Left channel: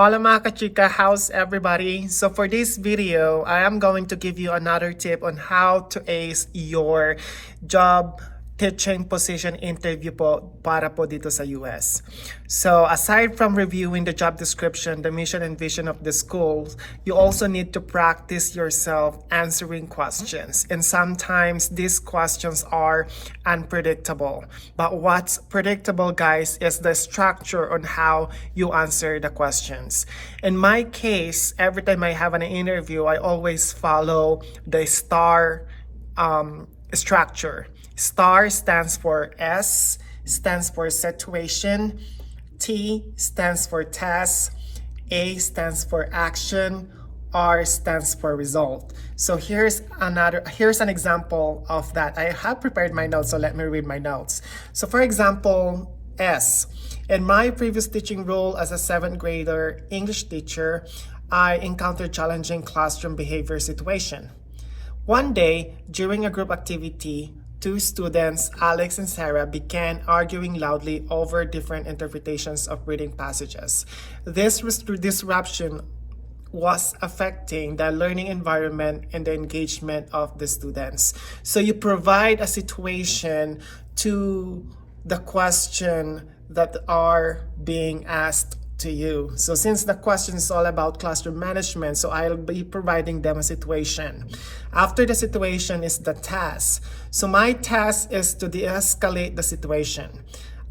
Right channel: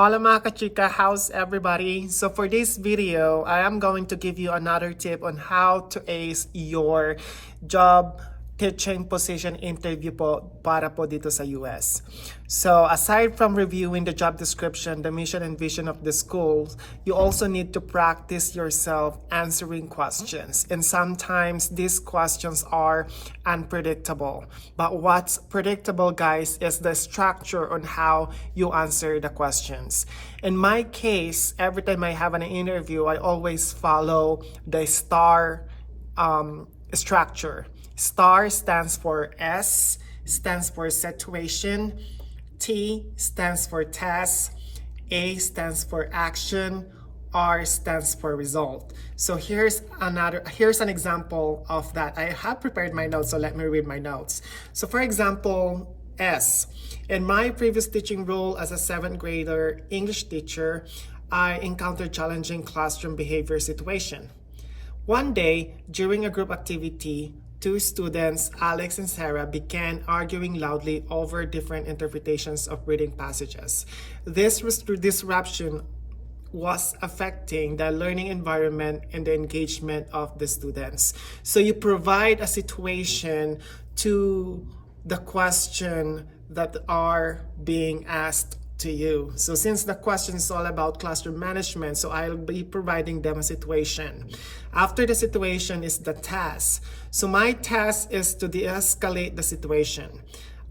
Hola mga kachika, how's everybody? So for this video, I am going to give you another tip on how to ace your job teaching position interview po para po dito sa US. So aside from reviewing the job description, the mission and vision of the school, you also need to practice yourself answering questions. And sometimes these questions are unpredictable. But what's predictable, guys, is the structure on how you answer the questions. In my case, every time I have an interview, I always follow the STAR structure. STAR stands for S, stands for situation, T stands for task, A stands for action, R stands for result. So here's an example of that. I have prepared my notes, so let me read my notes. So for example, S. In my previous teaching role as a 7th grader English teacher, I encountered challenging classroom behavior situation. One day, during a group activity, two students, Alex and Sarah, began arguing loudly over different interpretations of reading passages. This disruption was affecting the learning environment and the engagement of the students. So you provide a situation to the question that are being asked to you. So since the question is all about classroom management, so I'll be providing them a situation. After the situation is the task. So my task is to de-escalate the situation,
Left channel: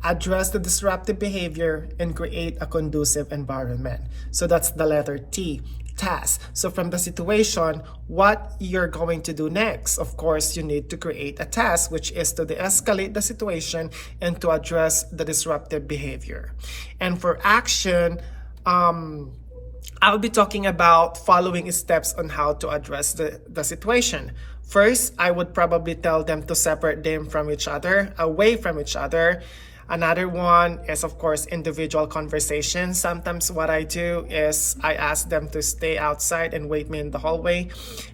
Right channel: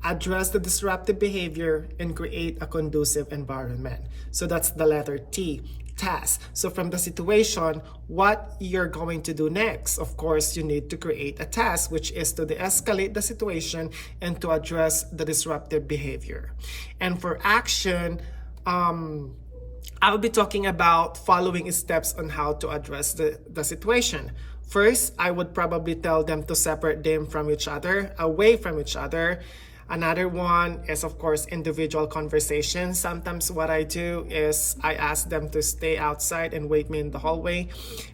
address the disruptive behavior, and create a conducive environment. So that's the letter T, task. So from the situation, what you're going to do next, of course, you need to create a task, which is to de-escalate the situation and to address the disruptive behavior. And for action, I'll be talking about following steps on how to address the situation. First, I would probably tell them to separate them from each other, away from each other. Another one is, of course, individual conversation. Sometimes what I do is I ask them to stay outside and wait me in the hallway,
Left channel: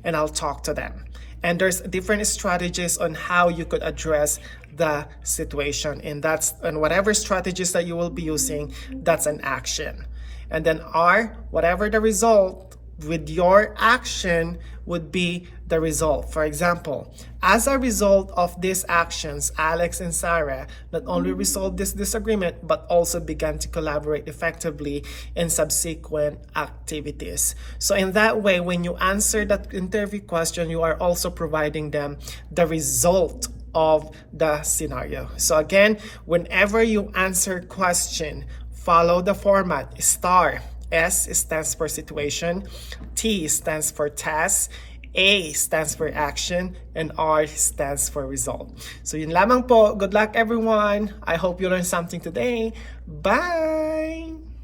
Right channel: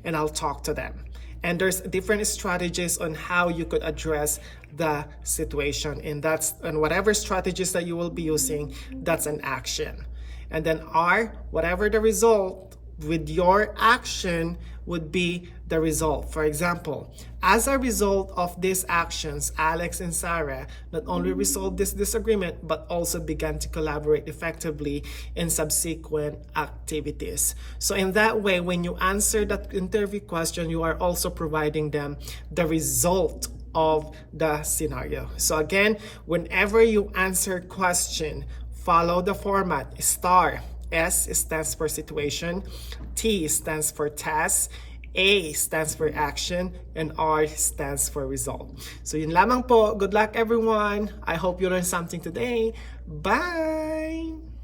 and I'll talk to them. And there's different strategies on how you could address the situation. And whatever strategies that you will be using, that's an action. And then R, whatever the result with your action would be the result. For example, as a result of these actions, Alex and Sarah not only resolved this disagreement, but also began to collaborate effectively in subsequent activities. So in that way, when you answer that interview question, you are also providing them the result of the scenario. So again, whenever you answer question, follow the format. STAR. S stands for situation, T stands for task, A stands for action, and R stands for result. So yun lamang po. Good luck everyone. I hope you learned something today. Bye!